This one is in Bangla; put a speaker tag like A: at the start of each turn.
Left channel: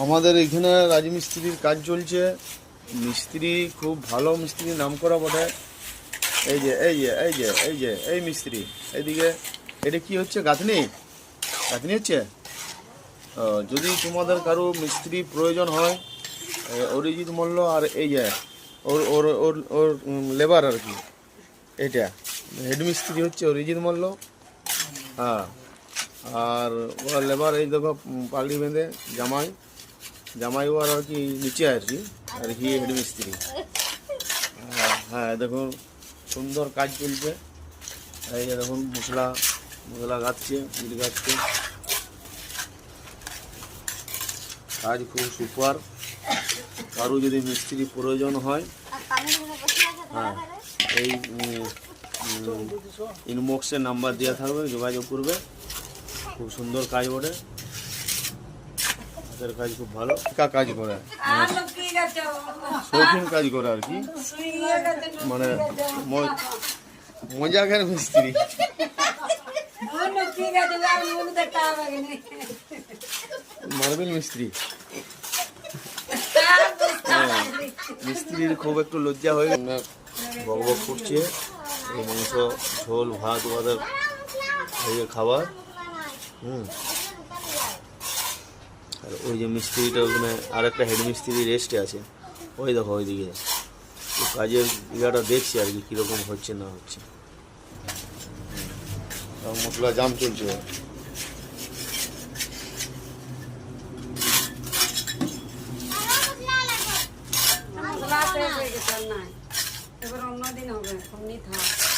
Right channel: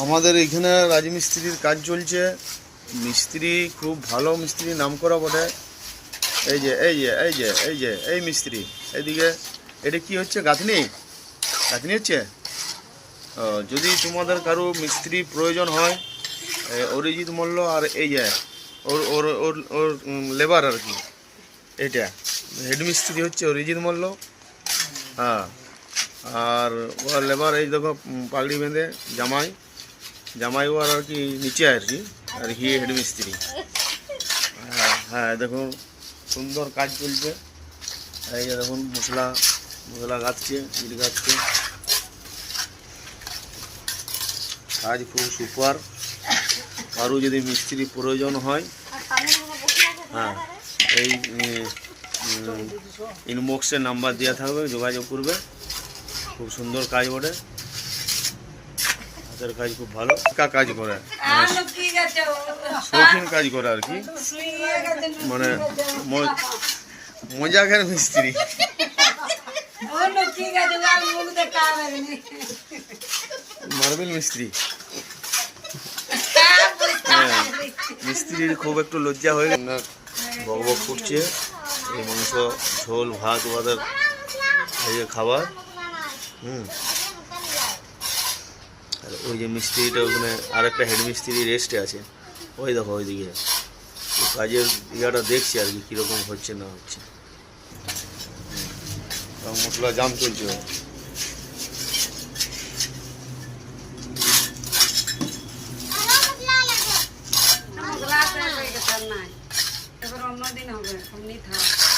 A: আমাদের এখানে রাজমিস্ত্রির কাজ চলছে। মিস্ত্রি খুব ভালো মিস্ত্রি নাম করা বটে। এই যে এই যে এই যে এই যে, এই মিস্ত্রি, এইদিকে, এটা কি হচ্ছে, গাঁথনি? গাঁথনি হচ্ছে? যদি তোমাদের কারও মিস্ত্রি প্রয়োজন হয় অরিজিৎ মল্ল আর এই যে, ওর ওর ওর ওর লেবার আর কি এটা হেড মিস্ত্রি হচ্ছে অরিজিৎ মল্ল। হ্যাঁ আর ওর লেবার এই দেখো পাগড়ি বেঁধে, জামাই। জামাই ওর আর কি নিচে আর কি আর কি হেড মিস্ত্রি। হ্যাঁ হ্যাঁ দেখুন, সুন্দর কাজ চলছে। এই যে দেখুন, মশলা মশলা গাচ্ছে ইট গাচ্ছে কাজ খুব সুপার। কারও যদি মিস্ত্রি প্রয়োজন হয় হ্যাঁ এই ইনবক্সে নাম্বার দেওয়া থাকবে, যোগাযোগ করবে। খুব সুন্দর কাজ বটে। হাতের কাজ খুব ভালো। কা কাজ করে। মানে শৌখিন কাজ করে আর কি। মানে মজাকের মিস্ত্রি। মার্বেল মিস্ত্রি। হ্যাঁ, মিস্ত্রির খুব একটু লজ্জা হয়ে বক বক করছে। এই মাংস ঝোল ভাত ওদের খাবার। হুম। আর ওই যে মিস্ত্রিটা ওখানে আর একটা হেড মিস্ত্রি রেস্টে আছে। ওই দেখো, ওই দিকে। কাজের ইয়াটা দেখছি আর কি, কীরকম হচ্ছে না হচ্ছে। মশলা জাম চলছে। অন্যদিন হবে থাক।